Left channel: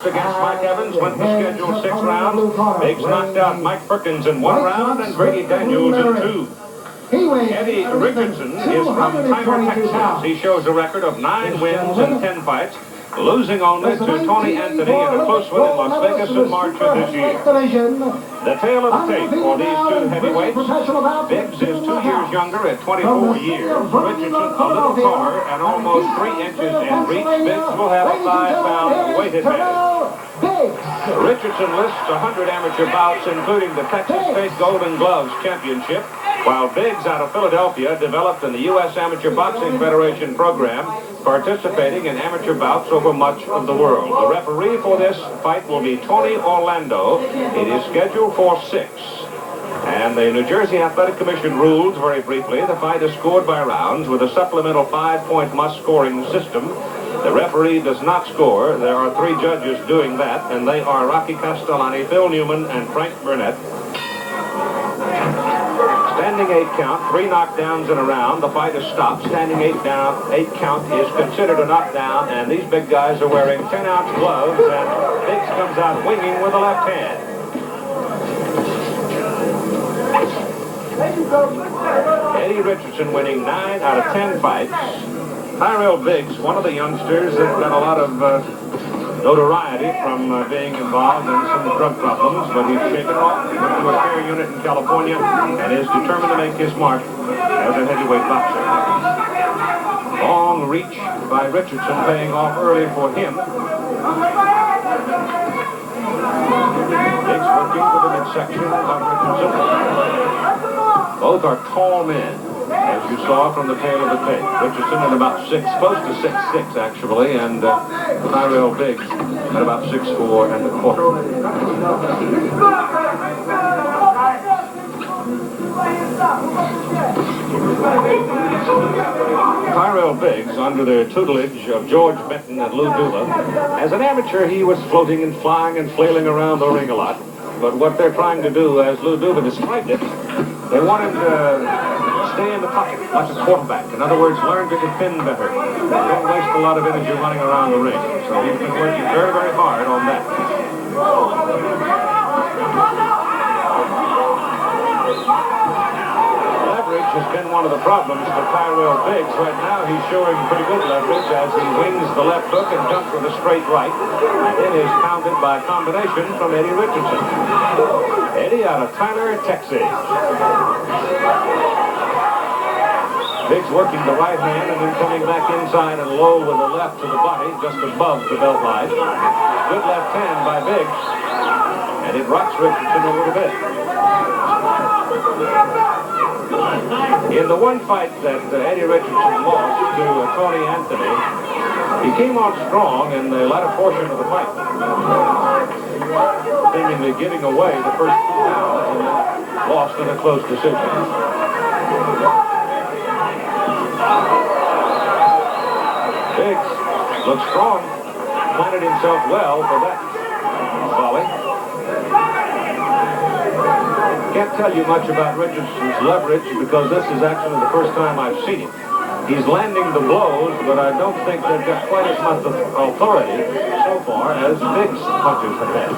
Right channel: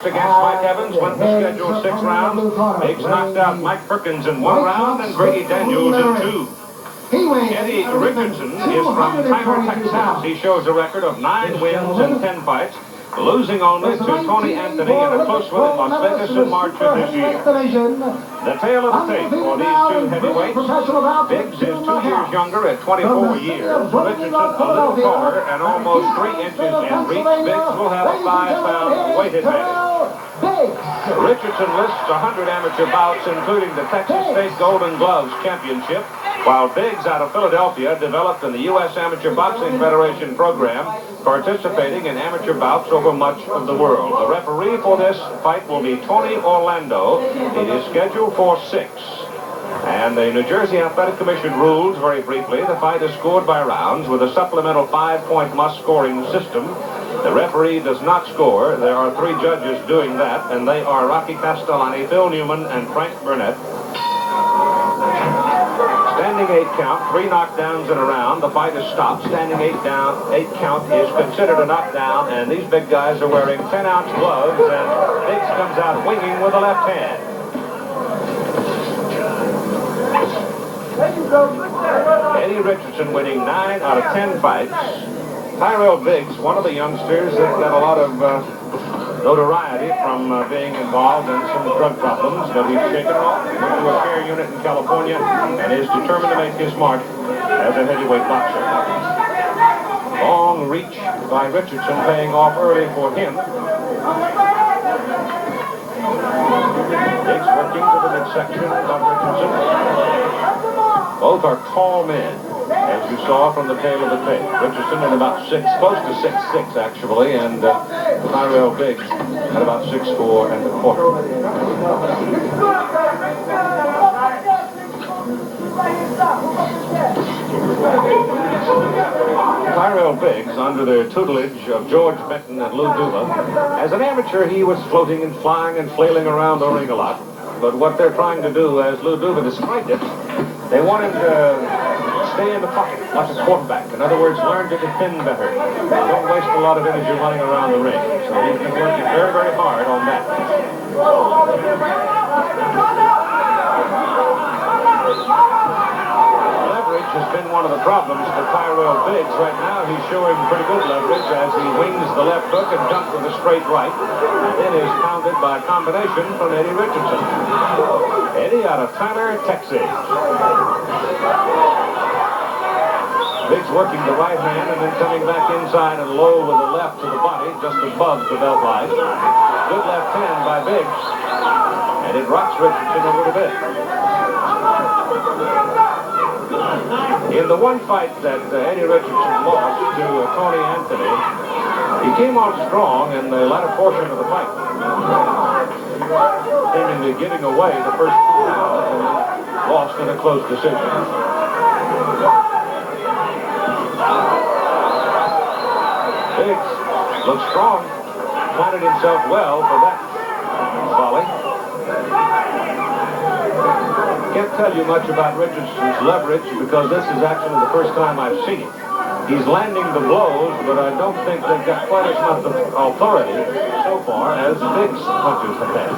Against Mike Evans, went the scheduled 6 rounds. Biggs knocked out Mike Perkins in 1 round and Grady Daniels in 2. Eddie Richardson is from Tyrell, Texas. He shows a record of 9 wins and 10 fights, losing only to Tony Anthony in a close one in Las Vegas in March of this year. The tale of the tape for these two heavyweights. Biggs is 2 years younger at 24 years. Richardson a little taller and almost 3 inches in reach. Biggs will have a 5-pound weight advantage. Richardson lists 100 amateur bouts, including the Texas State Golden Gloves Championship, while Biggs out of Philadelphia developed in the U.S. Amateur Boxing Federation program, participating in amateur bouts over much of the world. The referee for this fight will be Tony Orlando. It is scheduled for 6. And the New Jersey Athletic Commission rules, very briefly, the fight is scored by rounds with a supplemental 5-point must-scoring system. The referee does not score. There are 3 judges doing that, and they are Rocky Castellani, Phil Newman, and Frank Burnett. Standing 8 count, 3 knockdowns in a round. The fight is stopped. Standing 8 count is considered a knockdown, and these big guys are wearing 10-ounce gloves, and Biggs comes out winging with the left hand. Eddie Richardson winning 9 out of 10 fights. Tyrell Biggs, one of the youngsters that got a lot of notoriety from being involved in some drug problems, but he's shaken it off. He went to a care unit in California and is determined to make his mark as a heavyweight boxer. Long reach by Richardson paying off early for him. Biggs working to the midsection of Richardson. Both are tall men, as you saw from the tail of the tape. Richardson at about 6, close to 6'6", actually, and Tyrell Biggs at about 6'4" and a quarter. Tyrell Biggs, under the tutelage of George Benton and Lou Duva. As an amateur, he was floating and flying and flailing around the ring a lot. But what they're trying to do, as Lou Duva described it, they want him to stay in the pocket like a quarterback. In other words, learn to defend better. Don't waste a lot of energy running around the ring. So he's been working very, very hard on that. Leverage has been one of the problems for Tyrell Biggs. Right now he's showing pretty good leverage as he wings the left hook and jumps with a straight right. It is pounded by combination from Eddie Richardson. Eddie out of Tyler, Texas. Biggs working the right hand and then coming back inside and low with the left to the body, just above the belt line. Good left hand by Biggs, and it rocks Richardson a little bit. In the one fight that Eddie Richardson lost to Tony Anthony, he came on strong in the latter portion of the fight, seemingly giving away the first 2 rounds and lost in a close decision. Biggs looks strong, planted himself well for that volley. Can't tell you much about Richardson's leverage because this is actually the first time I've seen him. He's landing the blows, but I don't think they've got quite as much authority so far as Biggs' punches have had.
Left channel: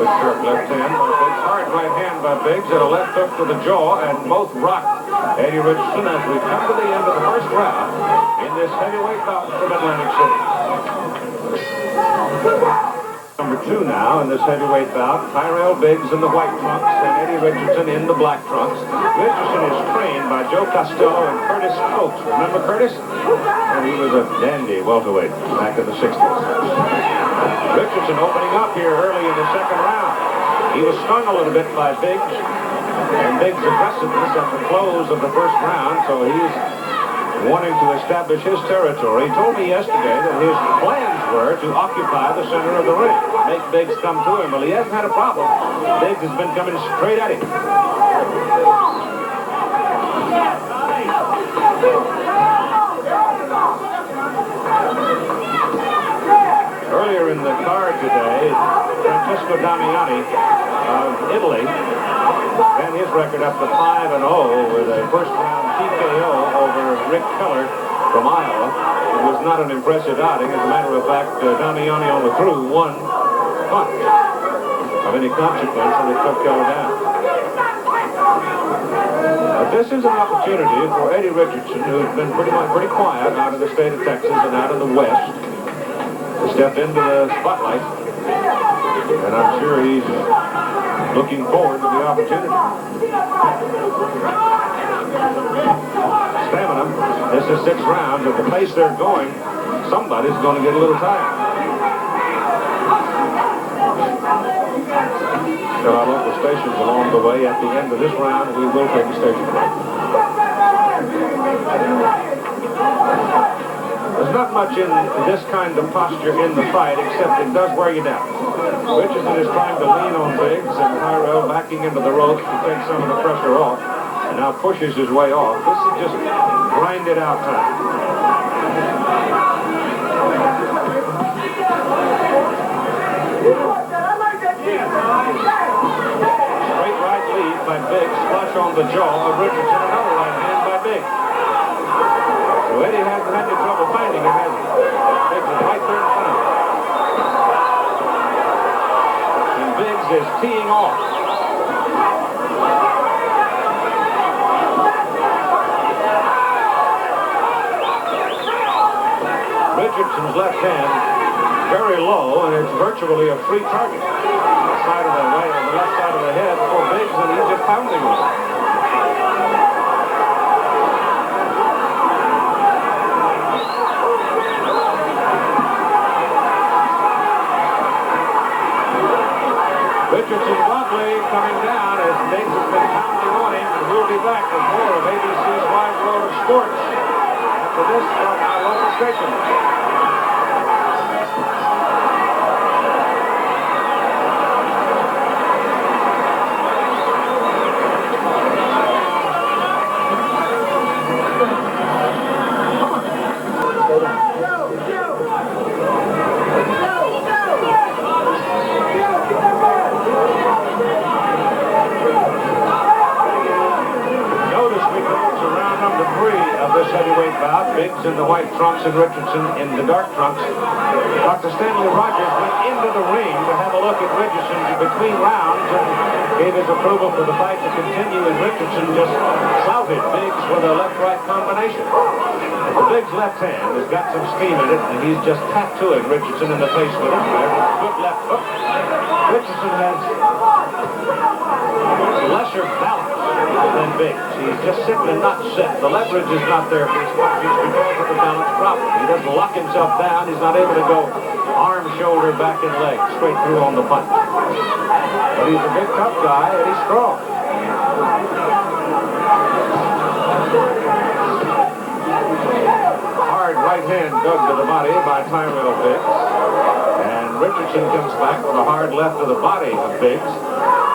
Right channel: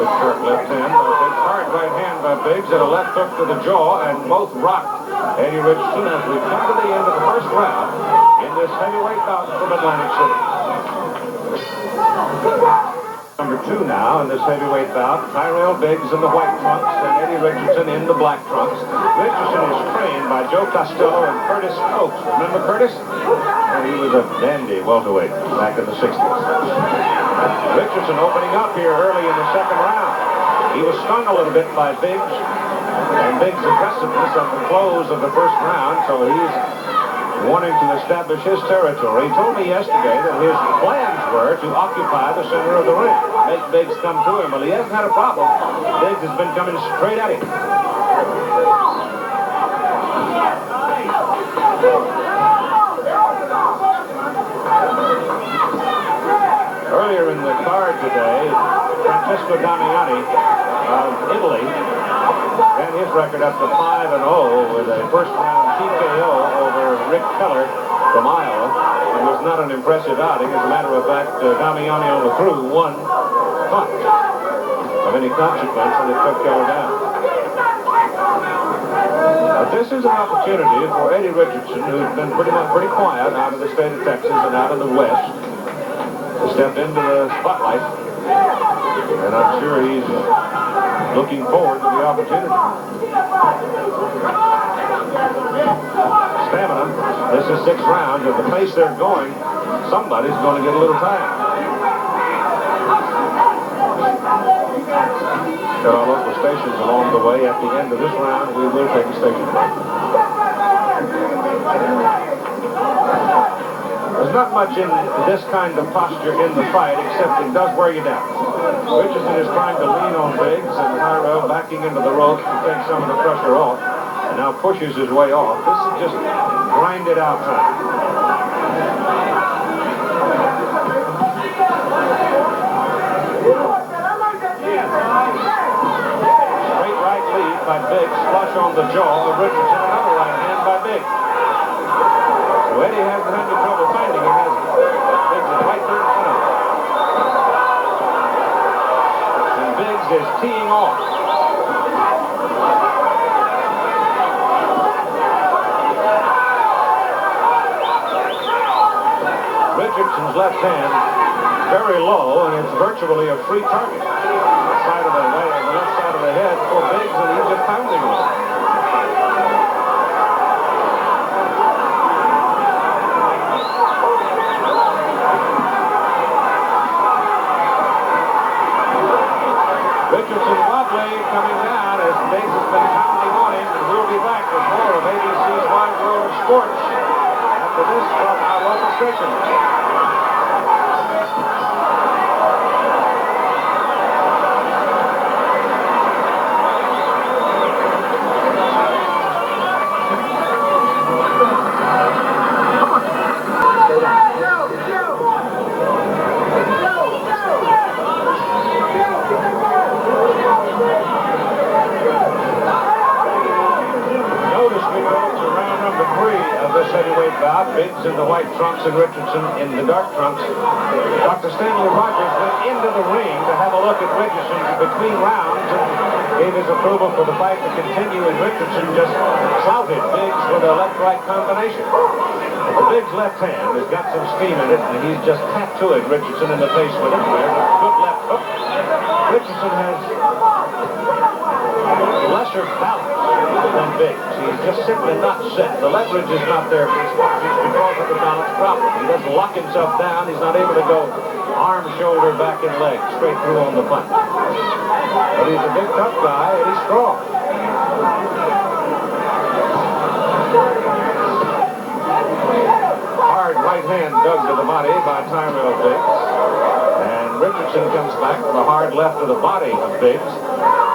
Good sharp left hand by Biggs, hard right hand by Biggs, and a left hook to the jaw, and both rocked Eddie Richardson as we come to the end of the first round in this heavyweight bout from Atlantic City. Number 2 now in this heavyweight bout, Tyrell Biggs in the white trunks and Eddie Richardson in the black trunks. Richardson is trained by Joe Costello and Curtis Coates. Remember Curtis? And he was a dandy welterweight back in the 60s. Richardson opening up here early in the second round. He was stung a little bit by Biggs and Biggs' aggressiveness at the close of the first round, so he's wanting to establish his territory. He told me yesterday that his plans were to occupy the center of the ring, make Biggs come to him. Well, he hasn't had a problem. Biggs has been coming straight at him. Earlier in the card today, Francesco Damiani of Italy ran his record up to 5-0 with a first-round TKO over Rick Keller from Iowa. It was not an impressive outing. As a matter of fact, Damiani only threw one punch of any consequence, and it took Keller down. This is an opportunity for Eddie Richardson, who's been pretty quiet out of the state of Texas and out in the West, to step into the spotlight. And I'm sure he's looking forward to the opportunity. Stamina. This is 6 rounds. At the pace they're going, somebody's going to get a little tired. There are local stations along the way. At the end of this round, we will take a station break. There's not much in this kind of posture in the fight, except it does wear you down. Richardson is trying to lean on Biggs, and Tyrell backing into the ropes to take some of the pressure off, and now pushes his way off. This is just grinded out time. Straight right lead by Biggs, flush on the jaw of Richardson, another right hand by Biggs. So Eddie hasn't had any trouble finding him, has he? Biggs is right there in front of him. And Biggs is teeing off. Richardson's left hand very low, and it's virtually a free target. The side of the way, on the left side of the head for Biggs, and he's just pounding on it. Richardson wobbly coming down as Biggs has been pounding on him, and we'll be back with more of ABC's Wide World of Sports after this from our local station. Heavyweight bout, Biggs in the white trunks and Richardson in the dark trunks. Dr. Stanley Rogers went into the ring to have a look at Richardson between rounds and gave his approval for the fight to continue, and Richardson just clouted Biggs with a left-right combination. But the Biggs left hand has got some steam in it, and he's just tattooing Richardson in the face with it. Good left hook. Richardson has lesser balance than Biggs. He's just simply not set. The leverage is not there for his punches because of the balance problem. He doesn't lock himself down. He's not able to go arm, shoulder, back, and leg straight through on the punch. But he's a big, tough guy, and he's strong. Hard right hand dug to the body by Tyrell Biggs. And Richardson comes back with a hard left to the body of Biggs.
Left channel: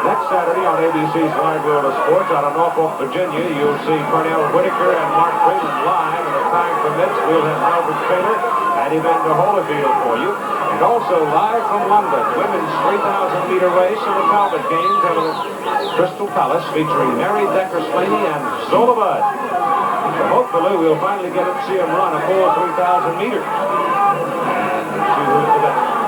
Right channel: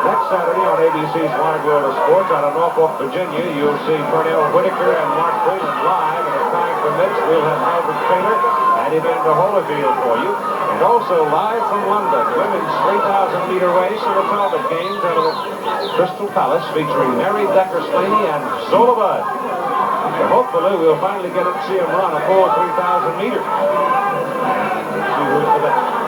Next Saturday on ABC's Wide World of Sports out of Norfolk, Virginia, you'll see Cornell Whitaker and Mark Whalen live, and if time permits, we'll have Albert Taylor and Evander Holyfield for you. And also live from London, women's 3,000-meter race in the Talbot Games out of Crystal Palace, featuring Mary Decker-Slaney and Zola Budd. So hopefully we'll finally get to see them run a full 3,000 meters. And see who's the best.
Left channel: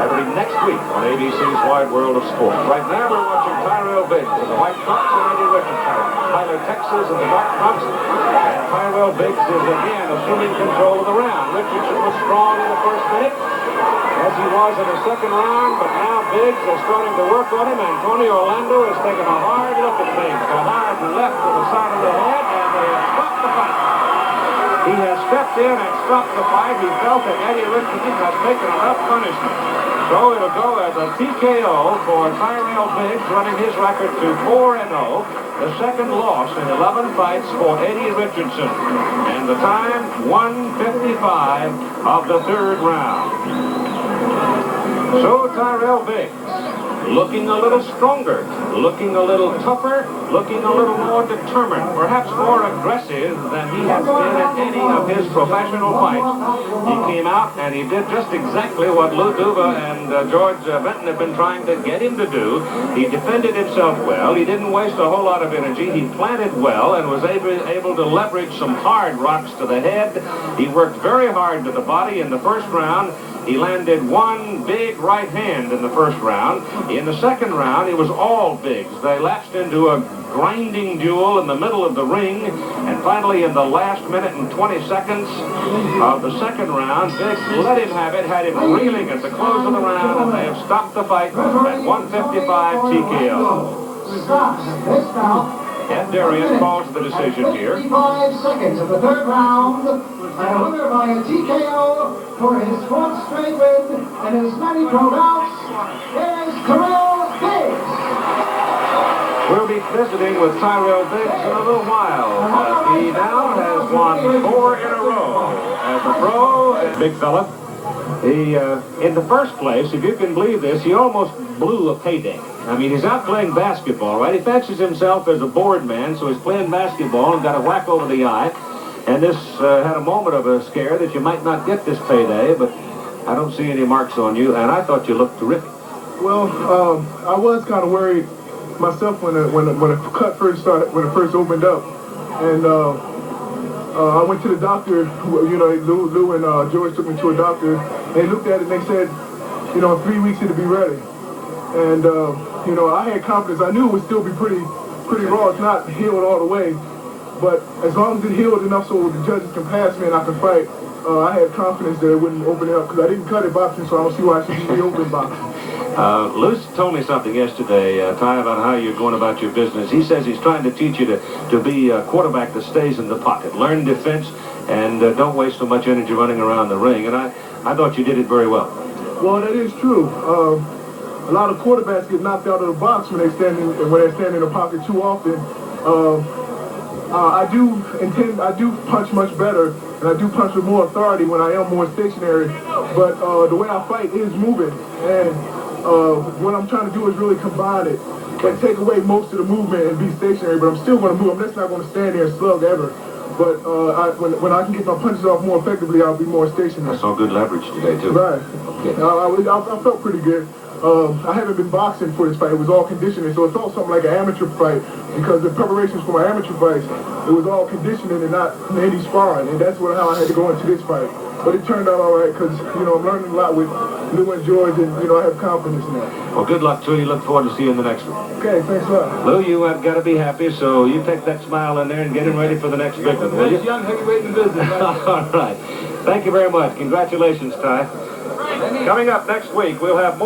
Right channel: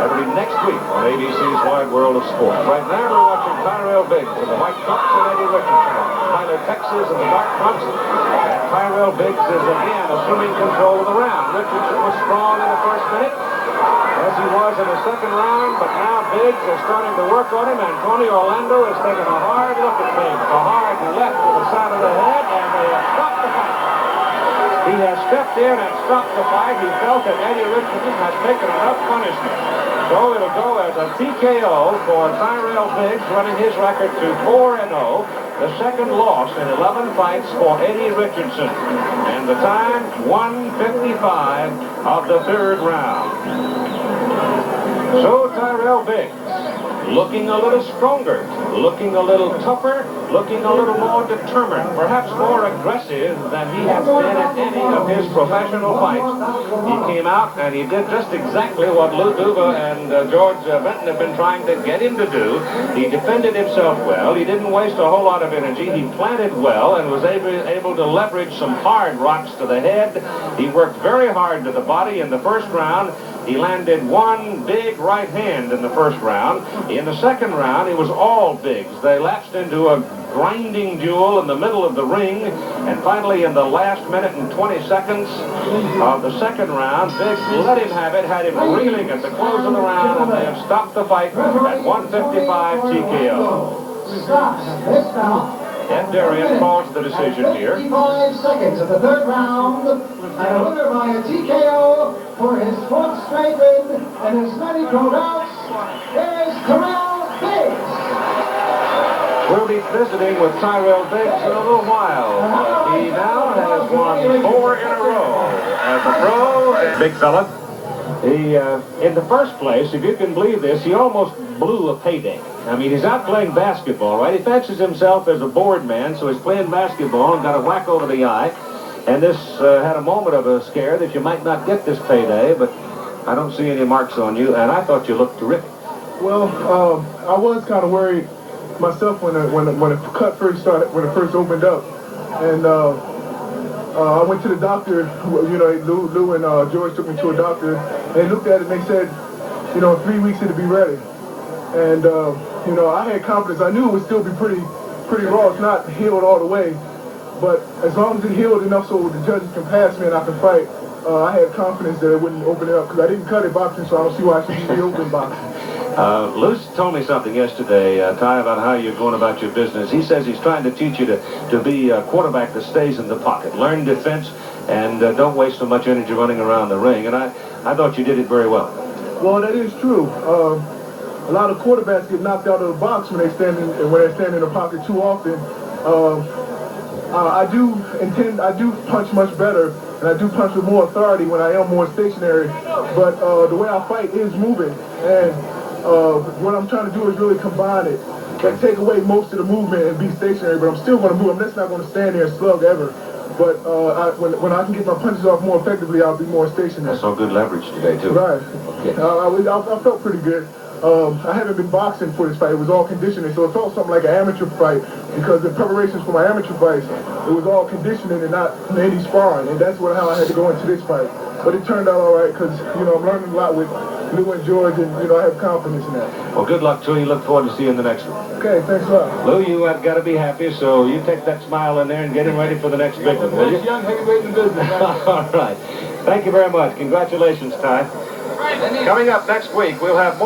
That'll be next week on ABC's Wide World of Sports. Right now we're watching Tyrell Biggs in the white trunks and Eddie Richardson, Tyler, Texas in the dark trunks. And Tyrell Biggs is again assuming control of the round. Richardson was strong in the first minute, as he was in the second round, but now Biggs is starting to work on him, and Tony Orlando is taking a hard look at Biggs. A hard left to the side of the head, and they have stopped the fight. He has stepped in and stopped the fight. He felt that Eddie Richardson has taken enough punishment. So it'll go as a TKO for Tyrell Biggs, running his record to 4-0. The second loss in 11 fights for Eddie Richardson. And the time, 1:55 of the third round. So Tyrell Biggs looking a little stronger looking a little tougher, looking a little more determined, perhaps more aggressive than he has been in any of his professional fights. He came out and he did just exactly what Lou Duva and George Benton have been trying to get him to do. He defended himself well. He didn't waste a whole lot of energy. He planted well and was able to leverage some hard rocks to the head. He worked very hard to the body in the first round. He landed one big right hand in the first round. In the second round, it was all bigs. They lapsed into a grinding duel in the middle of the ring. And finally, in the last minute and 20 seconds of the second round, Biggs let him have it, had him reeling at the close of the round, and they have stopped the fight at 155 TKO. Ed Darien calls the decision here. 55 seconds of the third round, and a winner by a TKO for his fourth straight win and his many pro bouts. Here's Tyrell Biggs. We'll be visiting with Tyrell Biggs in a little while. He now has won 4 in a row as a pro. Big fella. He, in the first place, if you can believe this, he almost blew a payday. I mean, he's out playing basketball, right? He fancies himself as a board man, so he's playing basketball and got a whack over the eye. And this had a moment of a scare that you might not get this payday, but I don't see any marks on you, and I thought you looked terrific. Well, I was kind of worried myself when the cut first started, when it first opened up, and I went to the doctor. You know, Lou and George took me to a doctor. They looked at it and they said, you know, in 3 weeks it'll be ready. And you know, I had confidence. I knew it would still be pretty raw. It's not healed all the way, but as long as it healed enough so the judges can pass me and I can fight, I had confidence that it wouldn't open it up because I didn't cut it boxing, so I don't see why I should be open boxing. Lou told me something yesterday, Ty, about how you're going about your business. He says he's trying to teach you to be a quarterback that stays in the pocket. Learn defense and don't waste so much energy running around the ring. And I thought you did it very well. Well, that is true. A lot of quarterbacks get knocked out of the box when they stand in the pocket too often. I do punch much better, and I do punch with more authority when I am more stationary. But the way I fight is moving, and what I'm trying to do is really combine it, but take away most of the movement and be stationary. But I'm still going to move. I'm just not going to stand there and slug ever. But when I can get my punches off more effectively, I'll be more stationary. I saw good leverage today too. Right. Okay. I felt pretty good. I haven't been boxing for this fight. It was all conditioning, so it felt something like an amateur fight because the preparations for my amateur fights, it was all conditioning and not any sparring, and that's how I had to go into this fight. But it turned out all right because, you know, I'm learning a lot with Lou and George, and, you know, I have confidence in that. Well, good luck to you. Look forward to seeing you in the next one. Okay, thanks a lot. Lou, you have got to be happy, so you take that smile in there and get him ready for the next big one, will you? Young heavyweight in the business. All right. Thank you very much. Congratulations, Ty. Coming up next week, we'll have more.